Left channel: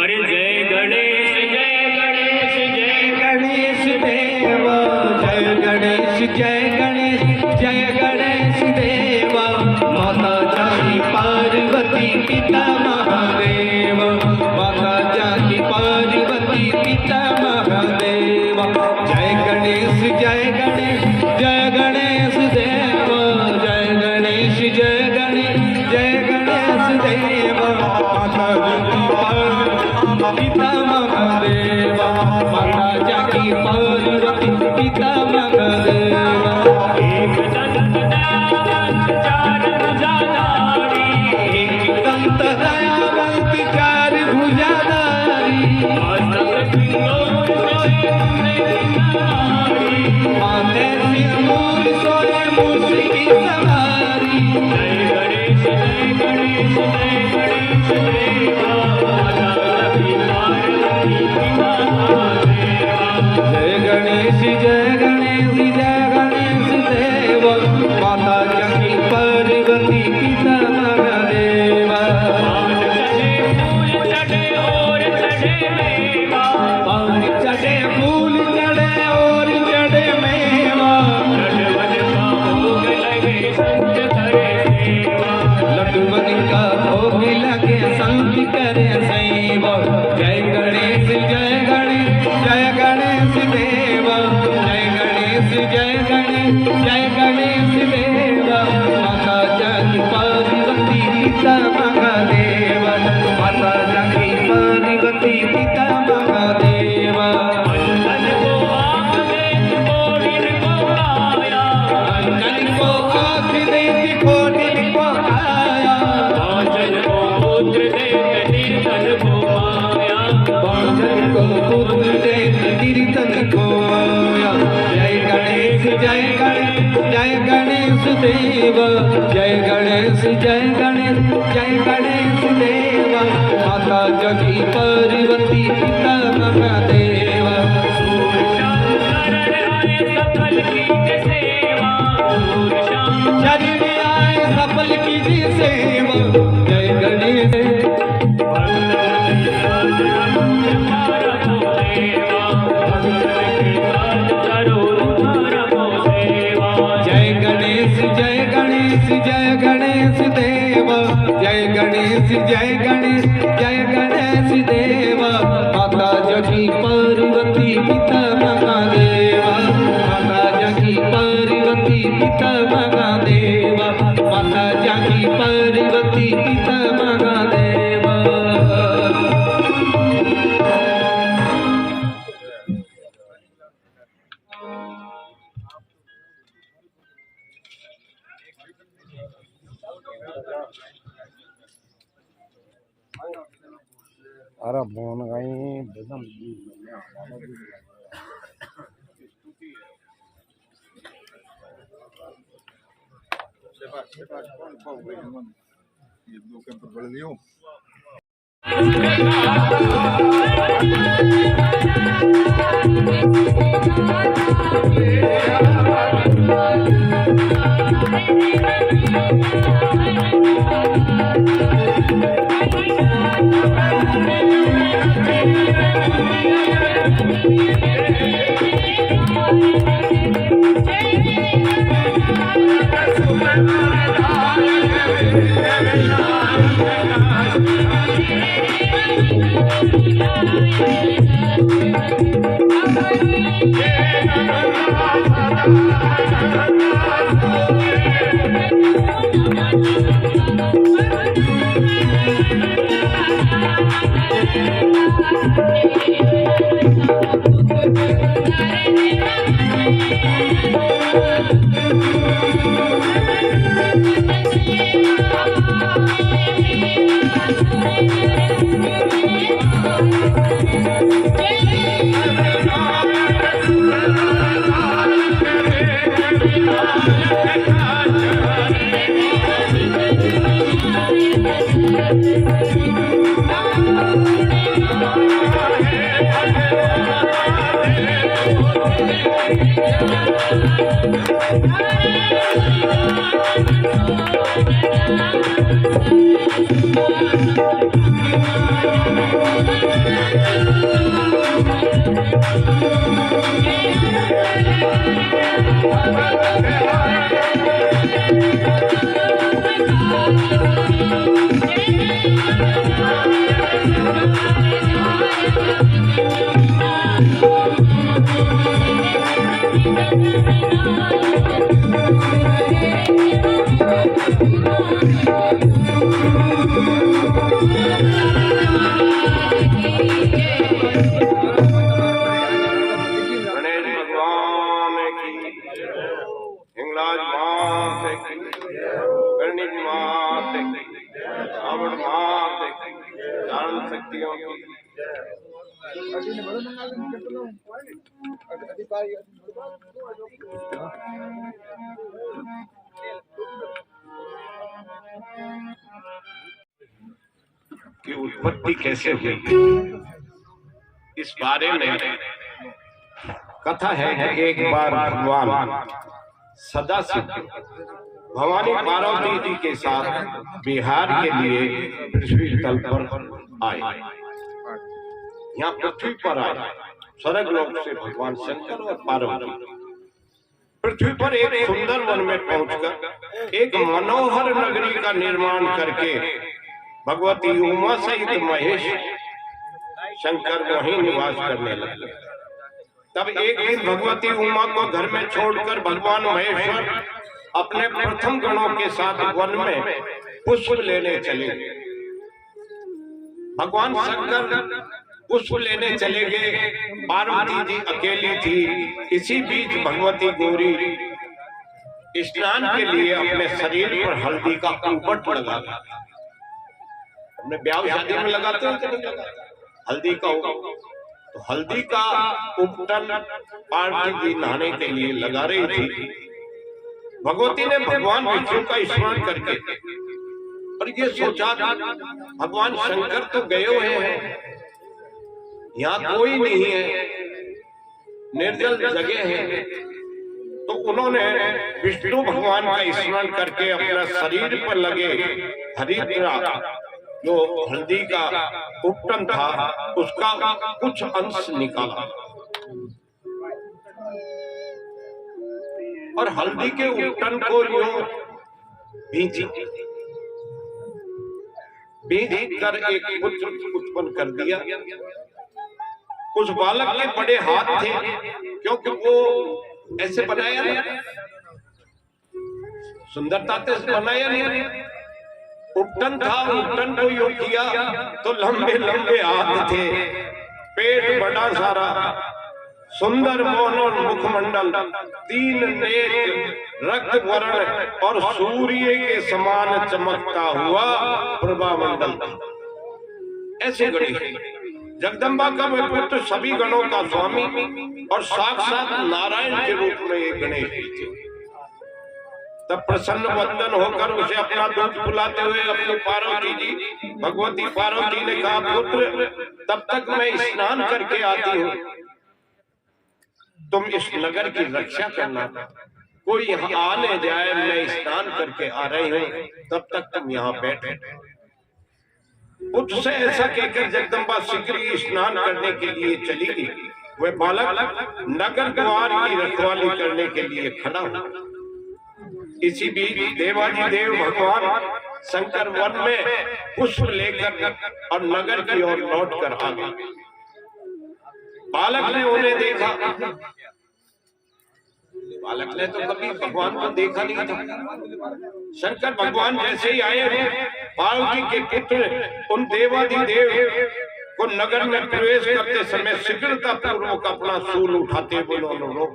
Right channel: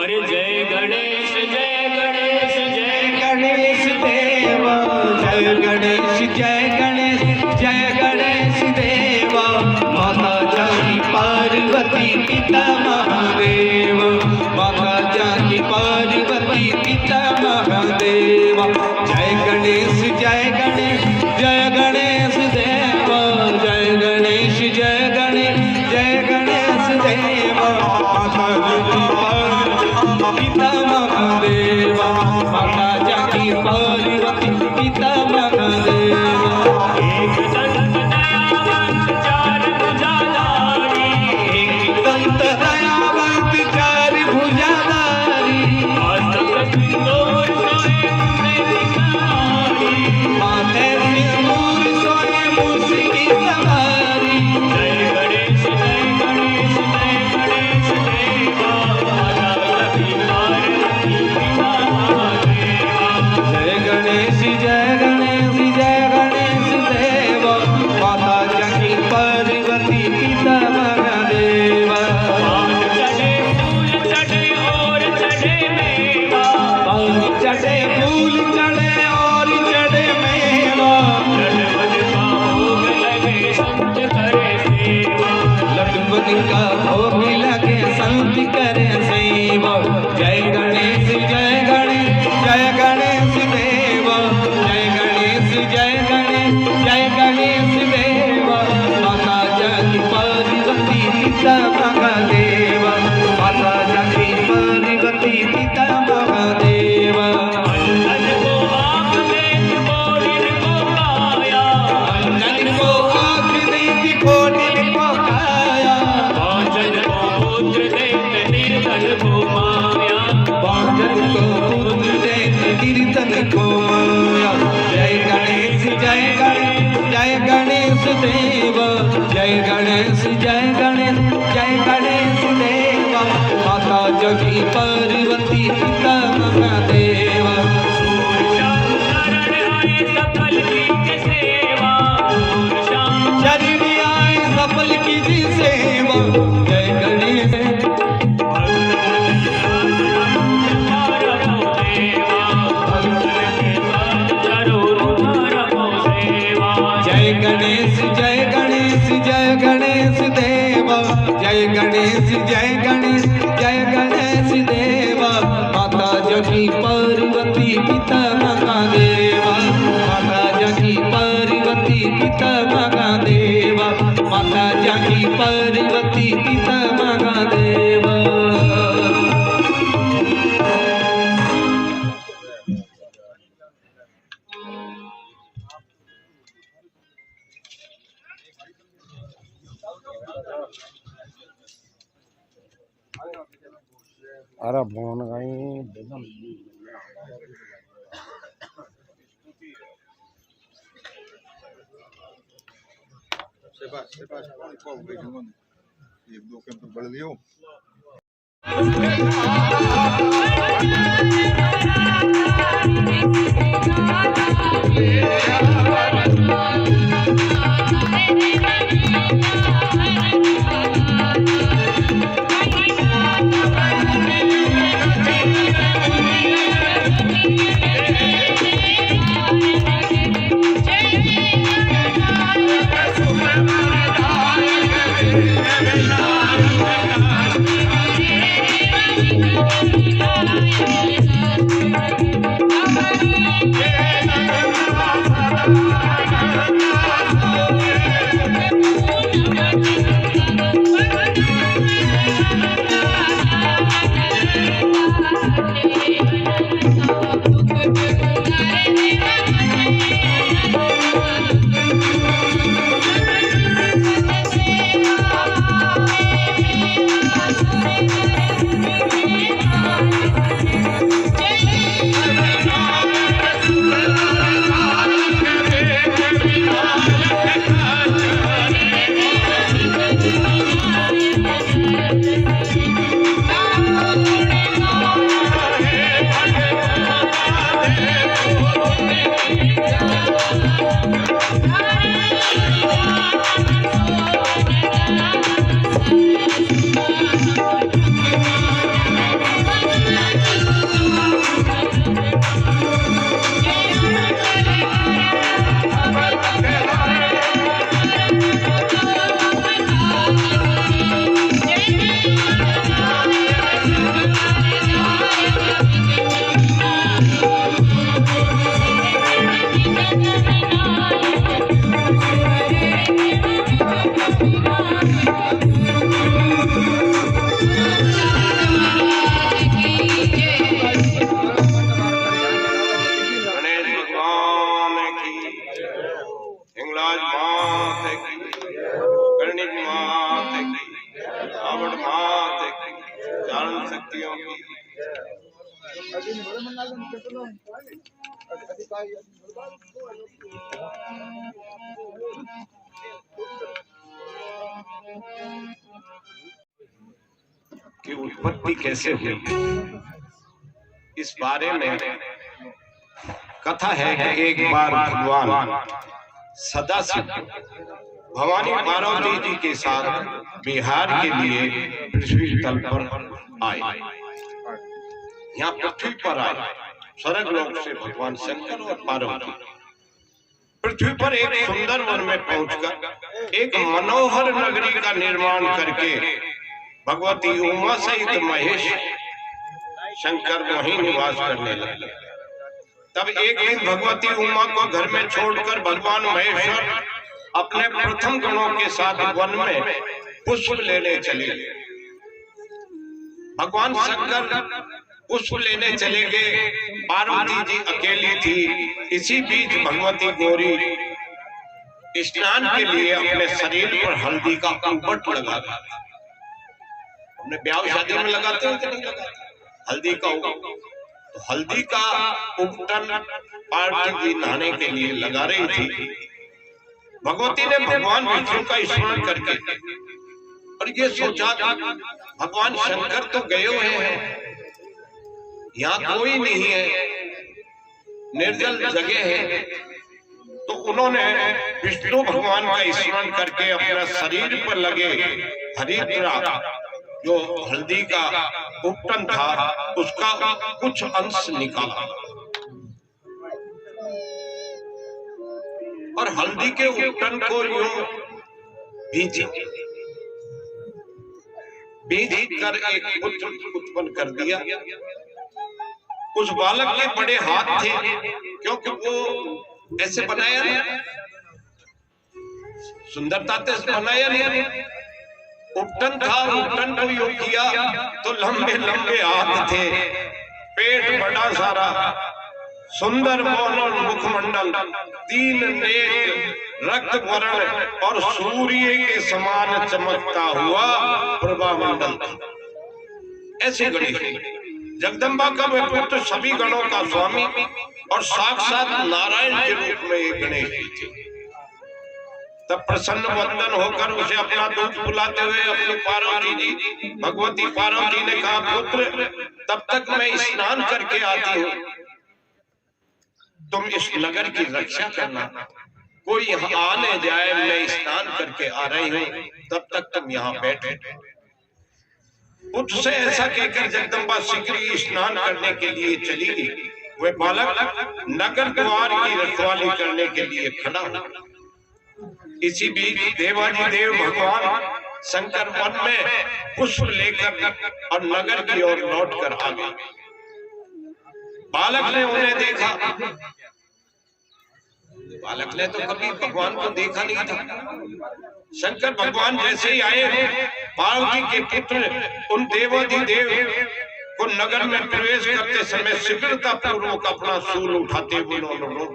अरे जय गणेश जय गणेश देव जय गणेश जय गणेश देव माता जाकी पार्वती पिता महादेव माता जाकी पार्वती पिता महादेव जय गणेश देव जय गणेश देव माता जाकी पार्वती पिता महादेव एक दंत दयावंत चार भुजाधारी एक दंत दयावंत चार भुजाधारी माथे सिंदूर सोए मुसकी सवारी जय गणेश देव माता जाकी पार्वती पिता महादेव पान चढ़े फूल चढ़े और चढ़े मेवा लड्डू का भोग लगे संत करे सेवा जय गणेश देव जय गणेश देव माता जाकी पार्वती पिता महादेव माता जाकी पार्वती पिता महादेव अंजन को आँख देती कोडिन को काया अंजन को पुत्र देते कीर्तन को माया जय गणेश देव जय गणेश देव माता जाकी पार्वती पिता महादेव शरण आए सफल की सेवा जय गणेश जय गणेश देव जय गणेश देव माता जाकी पार्वती पिता महादेव माता जाकी पार्वती पिता महादेव माता जाकी पार्वती पिता महादेव अरे फोन कहीं बेदम ये दो कैंपर बढ़ लियो है गणेश भगवान की, हिंगलाज मात की, गणेश मात की, रावण मात की, चारण शक्तियों की। की उत्पत्ति कैसे हुई, इस बारे में कथा है कि एक बार भगवान सदाशिव भवानी पार्वती जी के साथ बिहार के लिए पृथ्वी तल पर आए। यहाँ पृथ्वी पर आए स्वर्ग लोक से भगवान शंकर और पार्वती पृथ्वी पर एक सुंदर वन में पहुंचकर एक मनोहर नगरी का निर्माण करके भगवती उमा सहित महेश शंकर वहीं निवास करने लगे। तब एक दिन भगवती उमा को घर में छोड़कर भगवान महेश्वर अपने प्रथम गणों के साथ वन में पुष्प लेने चले। भगवान शंकर पुष्प लेने चले गए, पार्वती जी अकेली थी। इसी बीच भगवती गौरी स्नान के लिए अपने शरीर पर हल्दी का उपट लगा दी। हमने ब्याह शादी में लगाते हैं कि नहीं लगाते हल्दी का तो हल्दी का उपटन पार्वती जी नहाने के लिए लगा रही थी। भगवती ने भगवान विष्णु का स्मरण करके और ये सोचा भगवान शंकर तो गए हुए हैं, यहाँ कोई नहीं है, निर्जल जगह है। तो उन्होंने विष्णु भगवान का स्मरण करके अपना शरीर पर लगे हरिद्रा जो हल्दी का उपटन था उसका कुछ अंश निकाला और हल्दी के उपटन को यूं भींची कर एक पुत्र उत्पन्न कर दिया। उस बालक के बड़े हाथ थे क्योंकि वो ऐसे बनाया नहीं, सुंदरता से बनाया नहीं। उपटन था, उपटन को यूं किया तो लंबे लंबे हाथ थे, पेट बड़ा सारा, सुंदर मौन मुखमंडल, 3 नेत्र, रक्त वर्ण और सूर्य के समान चमकता हुआ प्रभामंडल था। ऐसे गणेश जगदम्बा का वह पुत्र सभी गणों का स्वामी और साक्षात नारायण के रूप में एक गणेश जी थे। तब प्रसन्न वंदन होकर उसे अपना दूध पिलाते हुए अपनी पार्वती जी भगवती पार्वती ने कहा, पुत्र तब तक मैं स्नान करके आती हूँ, तुम इस नगर की रक्षा करना, कोई यहाँ आने जाए, मैं स्नान करके आ रही हूँ, तब तक तुम यहाँ बैठे। उससे ऐसा कहकर जगदम्बा शीघ्र ही स्नान करने के लिए चली गई। वह बालक नगर द्वार की रखवाली करने के लिए खड़ा हुआ। इसी बीच देवाजी देव भगवान शंकर वन में पुष्प लेकर और नगर की ओर लौट कर आ गए। बालक ने उन्हें देखा। बालक ने तो कभी भगवान को देखा नहीं था। शंकर भगवान जैसे ही आए, पार्वती के पुत्र उन देवाधिदेव को नगर में प्रवेश करते समय शीघ्रता पूर्वक अपना शूल उठाते हुए उन्होंने रोक।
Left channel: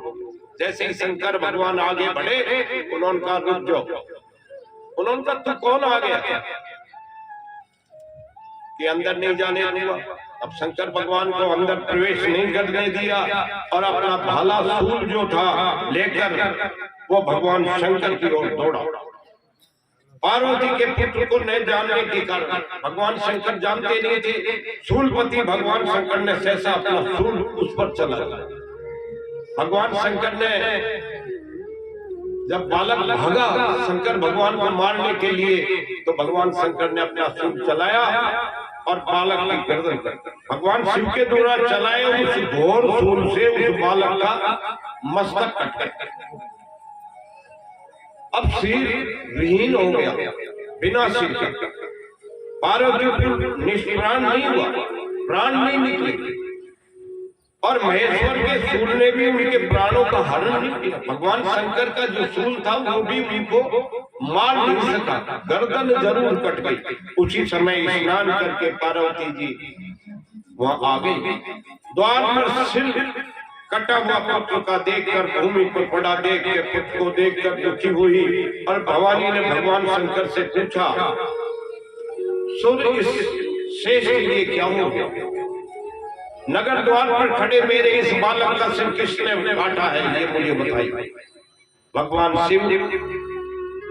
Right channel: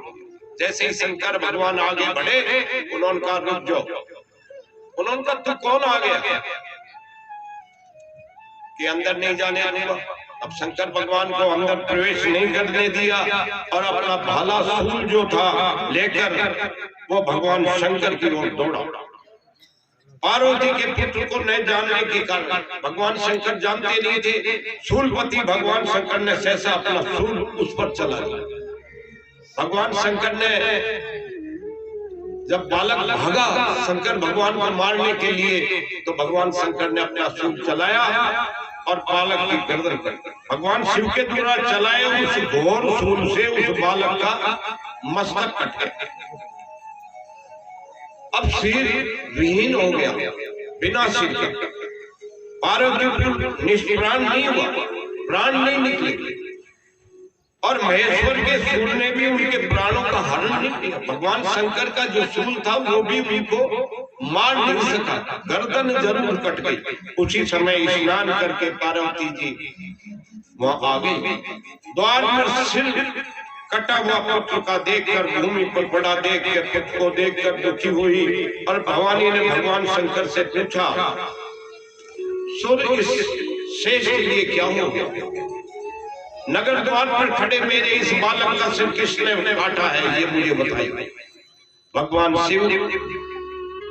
जैसे ही शंकर भगवान आगे बढ़े, उन्होंने कहा रुक जाओ। उन्होंने कहा तू कौन आ गया कि अंदर नहीं जाने दूंगा। अब शंकर भगवान को अंदर प्रवेश नहीं करने दिया और अपना भाला शूल जो था लेकर वो भगवान शंकर की ओर दौड़ा। पार्वती के पुत्र को नहीं जानने के कारण भगवान शंकर जानते नहीं थे। शूलपति भगवान शंकर ने सहसा अपना शूल उस पर चला। भगवान शंकर ने जब बालक भागा शंकर भगवान को मारने के लिए, तो भगवान शंकर ने अपना शूल चलाया और बालक की गर्दन कर भगवान शिव के द्वारा चलाए उस घोर शूल से उस बालक का मस्तक कट गया। अब सिर विहीन हो गया, बिना सिर के। पार्वती निष्प्राण नहीं हुआ, प्राण नहीं निकले, और महेश्वर के शूल ने भी उनके प्राणों का हरण नहीं किया। भगवान शंकर का जो शूल था वो भी उनको मार नहीं सका, गर्दन जरूर कट गई। उसी समय स्नान करके पार्वती जी वहां आ गई। द्वार पर सिर कटा हुआ पुत्र का देखकर भूमि पर पड़ा देखकर पुत्र को देखकर दुखी हुई, और भवानी ने भगवान शंकर से पूछा, सूर्य इस शेष के लिए क्या हो गया? नगर द्वार पर खड़े मेरे इस बालक का सिर किसने काटा है, ये मुझे बताइए। भगवान शिव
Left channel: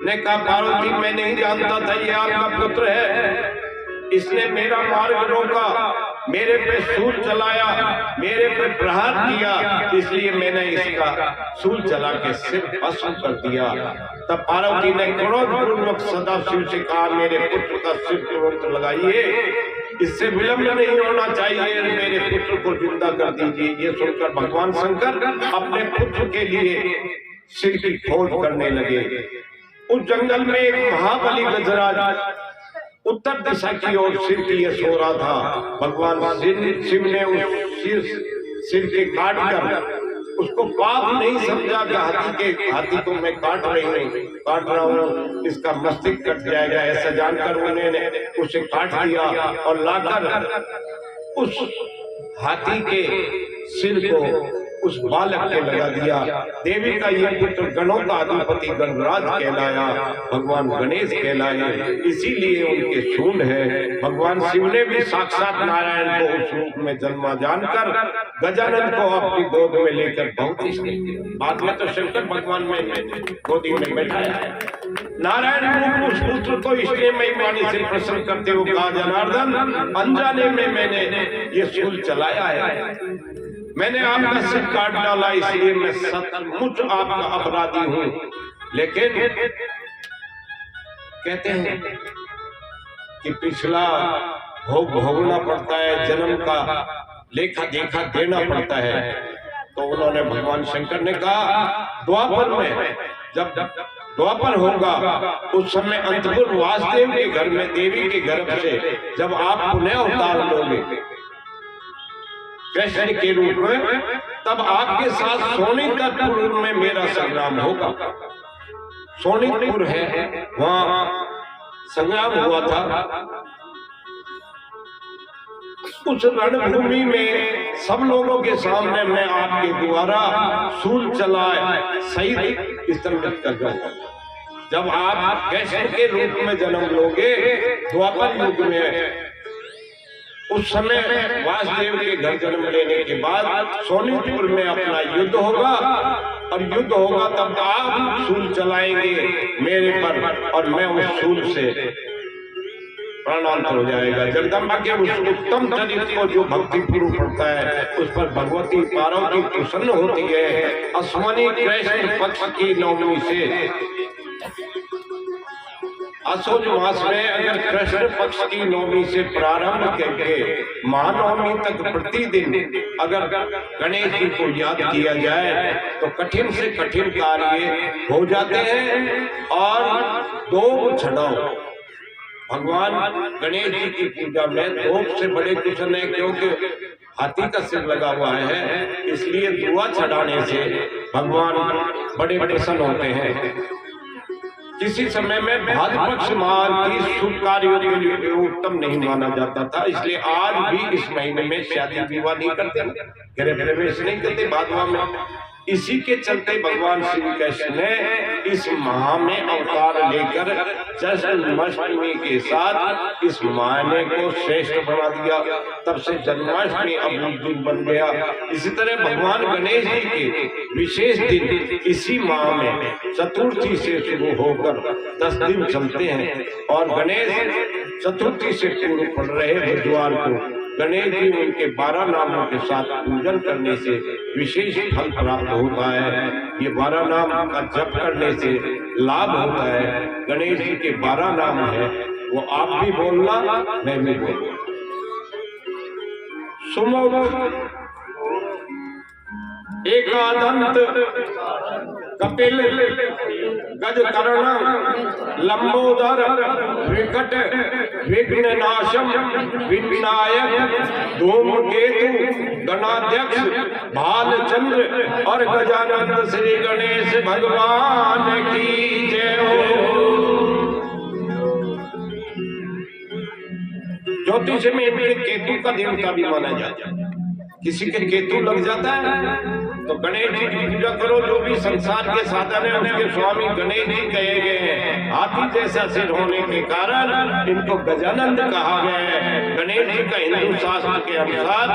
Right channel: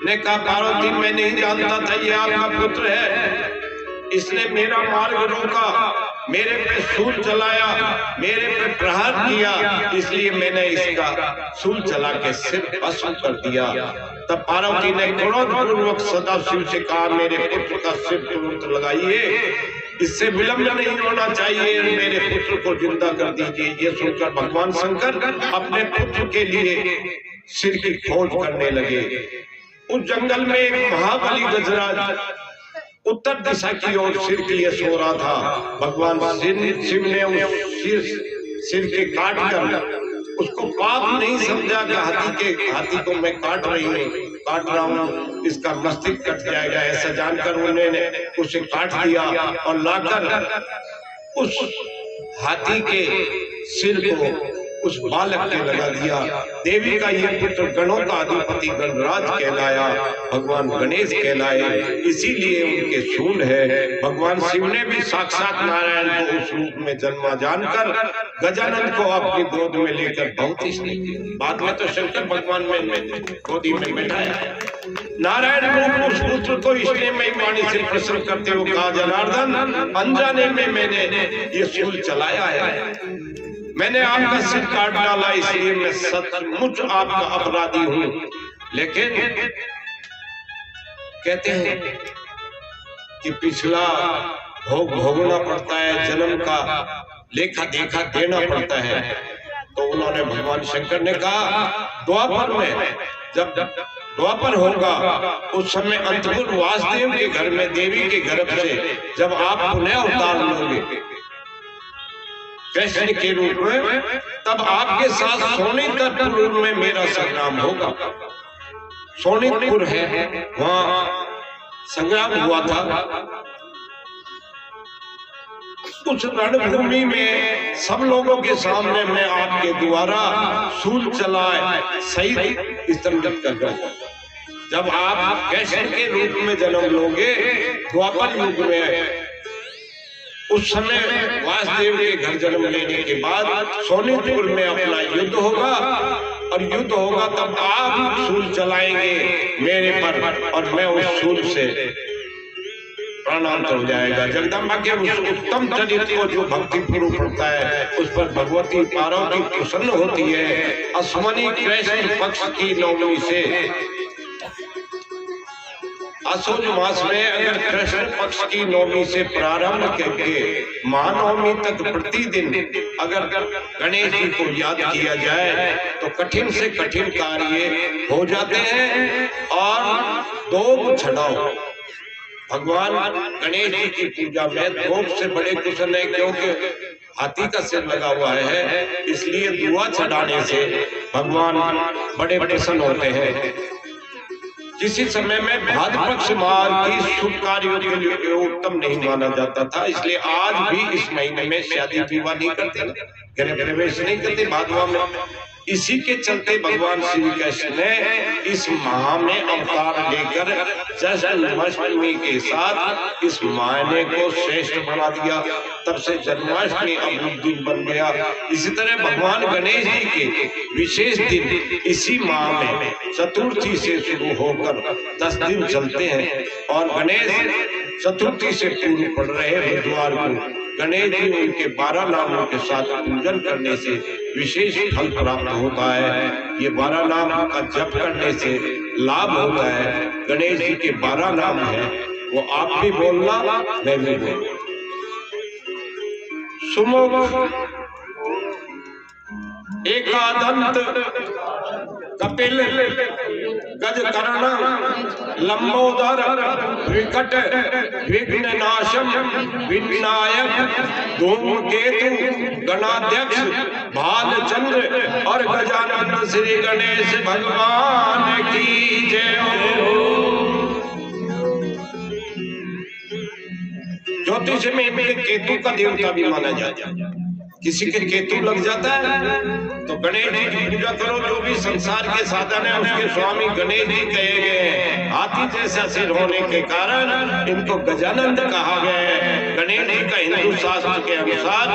ने कहा, पार्वती मैं नहीं जानता था ये आपका पुत्र है, इसने मेरा मार्ग रोका, मेरे पे सूल चलाया, मेरे पे प्रहार किया, इसलिए मैंने इसका सूल चला के सिर भस्म कर दिया। तब पार्वती ने क्रोध पूर्वक सदाशिव से कहा, मेरे पुत्र का सिर पे लगाइए, इससे विलंब नहीं होना चाहिए, मेरे पुत्र को जिंदा कर दीजिए। ये सुनकर भगवान शंकर अपने पुत्र के लिए सिर की खोज करने लगे। उस जंगल में एक महाबली गजराज उत्तर दिशा की ओर सिर के लिए सो रहा था। भगवान शिव ने उस सिर के काट कर उसको पाप नहीं समझा कि हाथी को मैं काट रहा हूँ, इसका मस्तिष्क कट जाएगा, ऐसा जानकर उन्होंने उसे काट दिया और लाकर उस हाथी के सिर को उस बालक के लगा दिया। देवी का यह पुत्र गणों का अधिपति गणराज कहलाया, भगवान गणेश कहलाए, इसीलिए उनके शूल है। भगवान शिव ने भी साक्षात नारायण को उस रूप में जन्मा जानकर गजानन को अपनी गोद में लेकर बहुत ही स्नेह किया। बाद में तो शंकर भगवान में गोदी में बैठाया। नारायण रूप उस पुत्र को इसलिए मैं वाणी से प्रसन्न करते हुए कहा, जनार्दन अनजाने में मैंने ये शूल चलाया है, मैंने आपका सिर काट डाला, इसलिए मैं सचमुच आपका अपराधी हूं। लेकिन कहते हैं कि पिछला भोग भोगना पड़ता है, जन्म का लेखा देखा देना पड़ता है। तो उन्होंने भगवान शंकर ने कहा, द्वापर में जब द्वापर होगा उस समय अंतपुर वासुदेव के घर में देवी के गर्भ से जब आप पुनः अवतार लोगे कृष्ण के रूप में, तब आपके साथ सोनीतपुर में मेरा संग्राम होगा। सोनीतपुर है, वहां संग्राम हुआ था। उस रणभूमि में सब लोगों के सामने मैं आपके द्वारा शूल चलाए सहित स्तंभित कर दूंगा। जब आप कृष्ण के रूप में जन्म लोगे द्वापर युग में, उस समय वासुदेव के घर जन्म लेने के बाद सोनीतपुर में अपना युद्ध होगा, और युद्ध होगा तब आप शूल चलाएंगे मेरे पर, और मैं उस शूल से प्राणांतर हो जाएगा। जगदम्बा के उस उत्तम चरित्र को जो भक्ति पूर्व पड़ता है, उस पर भगवती पार्वती प्रसन्न होती है। अश्वनी कृष्ण पक्ष की नवमी से असोज मास में अगर कृष्ण पक्ष की नवमी से प्रारंभ करके महानवमी तक प्रतिदिन अगर गणेश जी को याद किया जाए तो कठिन से कठिन कार्य हो जाते हैं। और दो छड़ाओ भगवान गणेश जी की पूजा में धूप से बड़े कुछ नहीं, क्योंकि हाथी का सिर लगा हुआ है, इसलिए दुआ चढ़ाने से भगवान बड़े प्रसन्न होते हैं। किसी समय में भाद्र पक्ष माह की शुभ कार्यों के लिए उत्तम नहीं माना जाता था, इसलिए आज भी इस महीने में शादी विवाह नहीं करते, गृह प्रवेश नहीं करते भादवा में। इसी के चलते भगवान श्री कृष्ण ने इस माह में अवतार लेकर जन्माष्टमी के साथ इस महीने को श्रेष्ठ बना दिया। तब से जन्माष्टमी अपना दिन बन गया। इसी तरह भगवान गणेश जी के विशेष दिन इसी माह में चतुर्थी से शुरू होकर 10 दिन चलते हैं, और गणेश चतुर्थी से पूर्व पड़ रहे बुधवार को गणेश जी उनके 12 नामों के साथ पूजन करने से विशेष फल प्राप्त होता है। ये 12 नाम का जप करने से लाभ होता है। गणेश जी के 12 नाम है, वो आप भी बोलना, मैं भी बोलूं। सुमुख एकादंत कपिल गजकर्ण लंबोदर विकट विघ्ननाशम विनायक धूमकेतु गणाध्यक्ष भालचंद्र और गजानन श्री गणेश भगवान की जय हो। ज्योतिष में इनके केतु का देवता भी माना जाता है। किसी के केतु लग जाता है तो गणेश जी की पूजा करो। जो भी संसार के साधन है उसके स्वामी गणेश जी कहे गए हैं। हाथी जैसा सिर होने के कारण इनको गजानंद कहा गया है। गणेश जी का हिंदू शास्त्र के अनुसार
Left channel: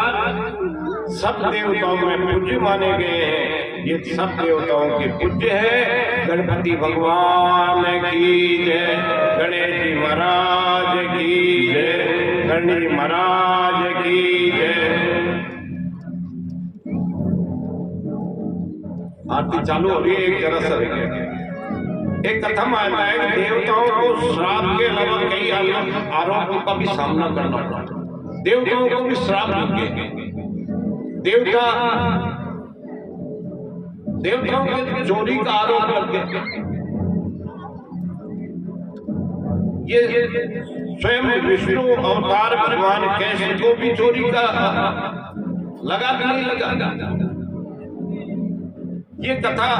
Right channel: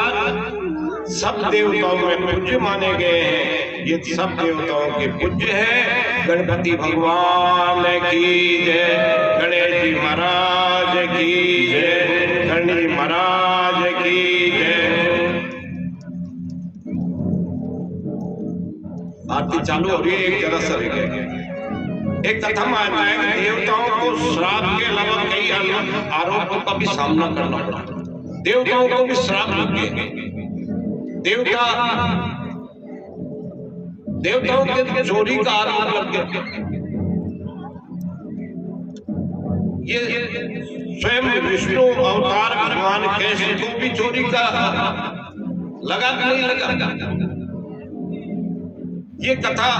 सब देवताओं में पूज्य माने गए हैं। ये सब देवताओं के पूज्य है। गणपति भगवान की जय, गणेश जी महाराज की जय, गणेश जी महाराज की जय। आरती चालू हो रही है। एक जगह से एक कथा में आता है कि देवताओं को श्राप के अलावा कई आरोपों का भी सामना करना पड़ा। देवताओं को भी श्राप लगे। देवताओं के चोरी का आरोप लग गया। ये स्वयं विष्णु अवतार भगवान कैसे को भी चोरी का लगा कि नहीं लगा। ये कथा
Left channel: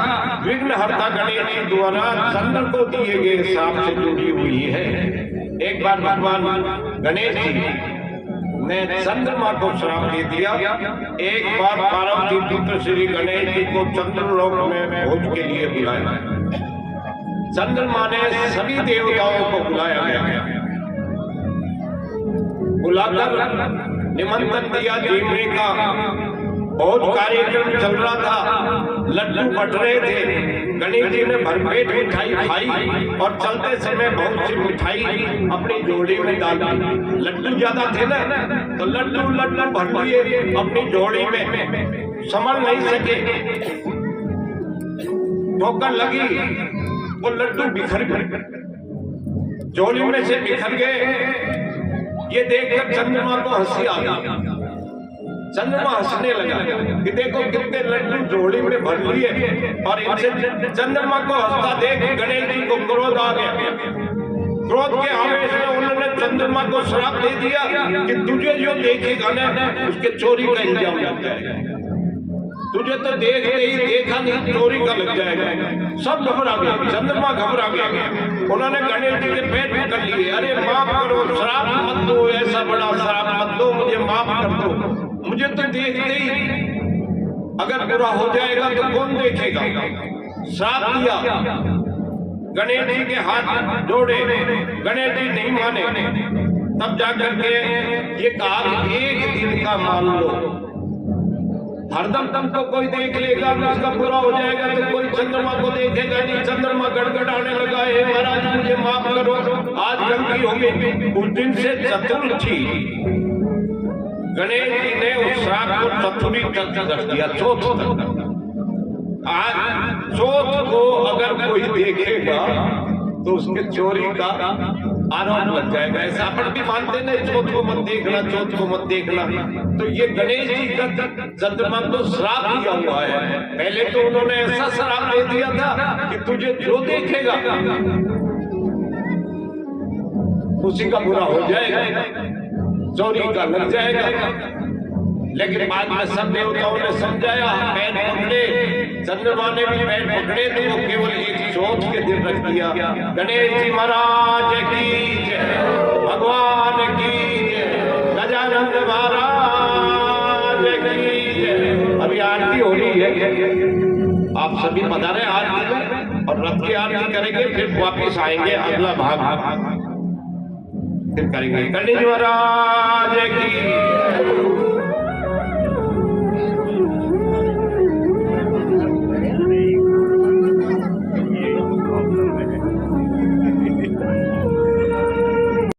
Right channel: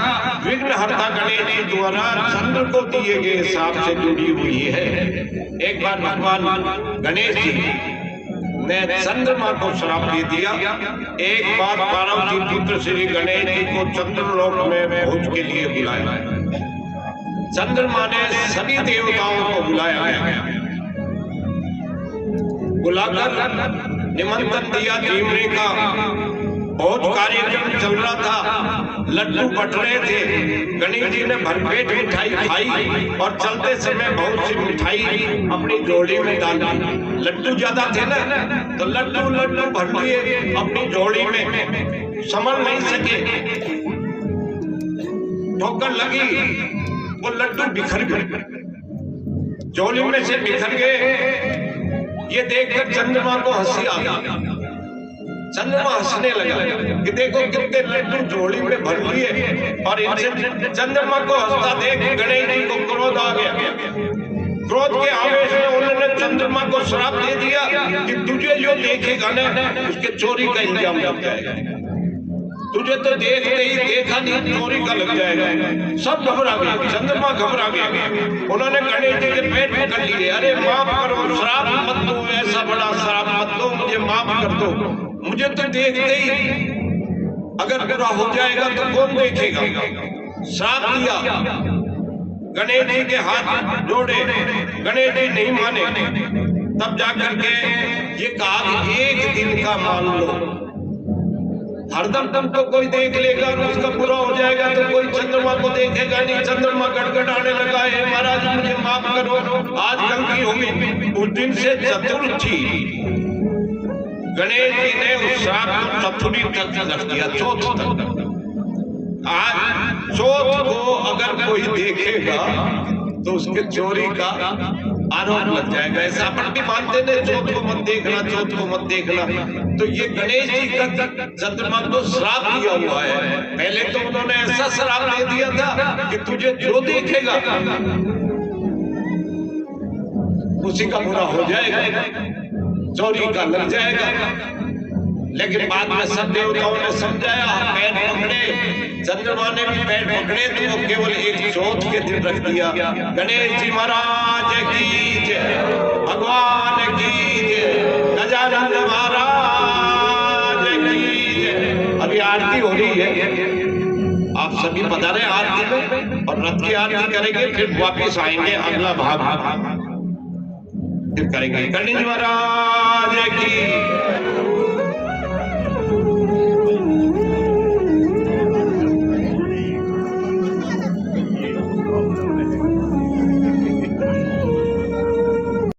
विघ्नहर्ता गणेश जी द्वारा चंद्र को दिए गए श्राप से जुड़ी हुई है। एक बार भगवान गणेश जी ने चंद्रमा को श्राप दे दिया। एक बार पार्वती पुत्र श्री गणेश जी को चंद्रलोक में भोज के लिए बुलाया। चंद्रमा ने सभी देवताओं को बुलाया गया। बुलाकर निमंत्रण दिया। देवने का बहुत कार्यक्रम चल रहा था। लड्डू बट रहे थे। गणेश जी ने भरपेट मिठाई खाई और चलते समय बहुत सी मिठाई अपनी झोली में डाल दी। लड्डू ज्यादा थे ना तो लड्डू भर लिए अपनी झोली में, संभल नहीं सके। ठोकर लगी, वो लड्डू बिखर गए, झोली में से बिखर गए। ये देखकर चंद्रमा को हंसी आ गई। चंद्रमा हंसने लगा कि देखो कितने लड्डू झोली में भर लिए। और इनसे चंद्रमा को हंसता देख गणेश जी को क्रोध आ गया। क्रोध के आवेश में उन्होंने चंद्रमा को श्राप दे दिया कि तुझे जो देखेगा ना उसके चोरी का इल्जाम लग जाएगा। तुझे तो देखते ही देखा नहीं, चोरी का लग जाएगा। सब घबरा गए। चंद्रमा घबरा गया। उन्होंने गणेश जी के पेट में कर लिए। अरे माफ करो, श्राप मत दो, ऐसा बड़ा श्राप मत दो, मुझे माफ कर दो। मुझे तो देखते ही अगर बुरा हो जाएगा तो कौन देखेगा। श्राप दिया। गणेश जी के हाथ जोड़े, गणेश जी नहीं माने। तब जाकर के ये कहा कि एक दिन का मान लो। हरदम तुमको कोई देख लेगा, उसका बुरा हो जाएगा तो कोई चंद्रमा को देखेगा नहीं। चंद्रमा गड़गड़ाने लगा है, महाराज मुझे माफ करो, आज गलती हो गई। उस दिन से चतुर्थी गणेश जी ने उस श्राप को चतुर्थी तक रख दिया, चौथ तक। आज चौथ को अगर कोई देखेगा तो उसके चोरी का आरोप लग जाएगा। ऐसा अपन भी मानते हैं, चौथ को मत देखना, चौथ को मत देखना। तो ये गणेश जी का चंद्रमा को श्राप दिया हुआ है। पहले तो उन्होंने ऐसा श्राप दे दिया था कि तुझे जो देखेगा उसी का बुरा हो जाएगा, चोरी का लग जाएगा। लेकिन बाद में सब देवताओं ने समझाया, पैर पकड़े। चंद्रमा ने भी पैर पकड़े तो वो केवल एक चौथ के दिन रख दिया। गणेश जी महाराज की जय, भगवान की जय, गजानन महाराज की जय। अभी आरती हो रही है, आप सभी पधारे आरती में और रथ की आरती करेंगे, फिर वापिस आएंगे अगला भाग फिर करेंगे। गणेश महाराज की